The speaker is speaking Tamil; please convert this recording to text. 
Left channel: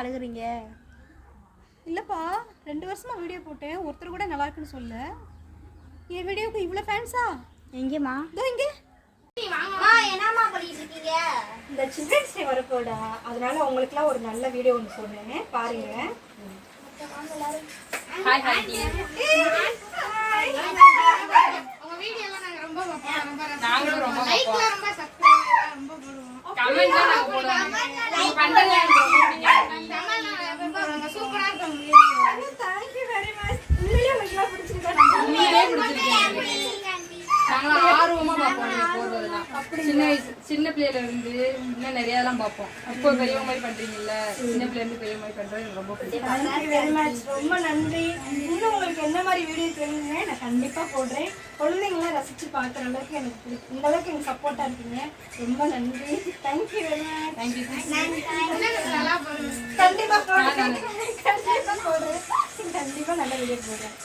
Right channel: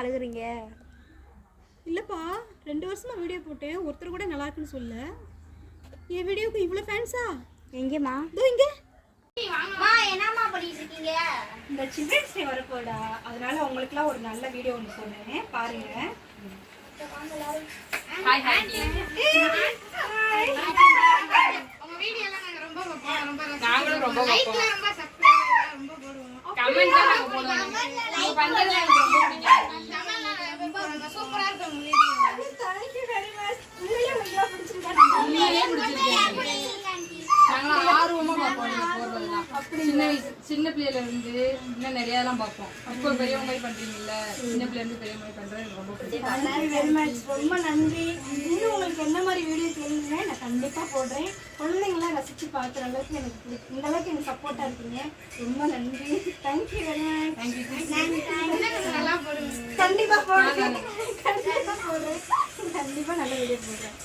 அழுகுறீங்க? இல்லைப்பா, 2 வருஷமா வீடியோ போட்டேன், ஒருத்தர் கூட நல்லா இருக்குன்னு சொல்ல. என் வீடியோக்கு இவ்வளோ ஃபேன்ஸா? எங்கேம்மா? இதோ இங்கே. என்னம்மா பண்ணிட்டு இருக்கீங்க? இந்த சில்ட்ரன்ஸ் டே வரப்போடா, அதனால உங்களுக்குலாம் ஒரு நல்ல வீடியோ ஒன்று சொன்னேன், பாருங்க. ஹாய் ஹாய் உங்க வீடியோ எல்லாம் நாங்க ரொம்ப பார்ப்போம். நாங்களும் ரொம்ப லைக்ல ரொம்ப சப்ஸ்கிரைப் ரொம்ப போடுவோம். கமெண்ட்ல நாங்க போடுவோம். நீங்க பண்றது எனக்கு ரொம்ப பிடிக்கும். ரொம்ப சூப்பரா இருக்கு உங்க வீடியோ. Thank you very much. உண்மையிலே உங்களுக்கு பிடிச்சிருக்கா? உண்மையிலேயே பிடிச்சிருக்கு. நாங்களும் ஆர்வமா பார்ப்போம் நீங்க போடுறதெல்லாம். சின்ன பிள்ளையில இருந்து இன்னும் நிறைய எல்லாம் பார்ப்போம். இப்போ பெரியவங்க மாதிரி பண்றீங்கல்ல, சின்ன பிள்ளைல இருந்து பெரிய மாதிரி பண்றது எனக்கு ரொம்ப பிடிக்கும். Thank you very much. ரொம்ப நன்றி. இன்னும் உங்களுக்கு என்ன மாதிரி வீடியோ கேளுங்க, நான் கண்டிப்பாக போடுறேன். குழந்தைங்களாம் ரசித்து பார்க்குற அளவுக்கு எனக்கு பிடிக்கும். இந்த அளவுக்கு எனக்கு சப்போர்ட்டாக இருக்கீங்க. ரொம்ப நன்றி. Thank you very much. தேங்க்யூ. கண்டிப்பாக போடுறேன். கண்டிப்பாக நல்ல வீடியோ போடுறேன்.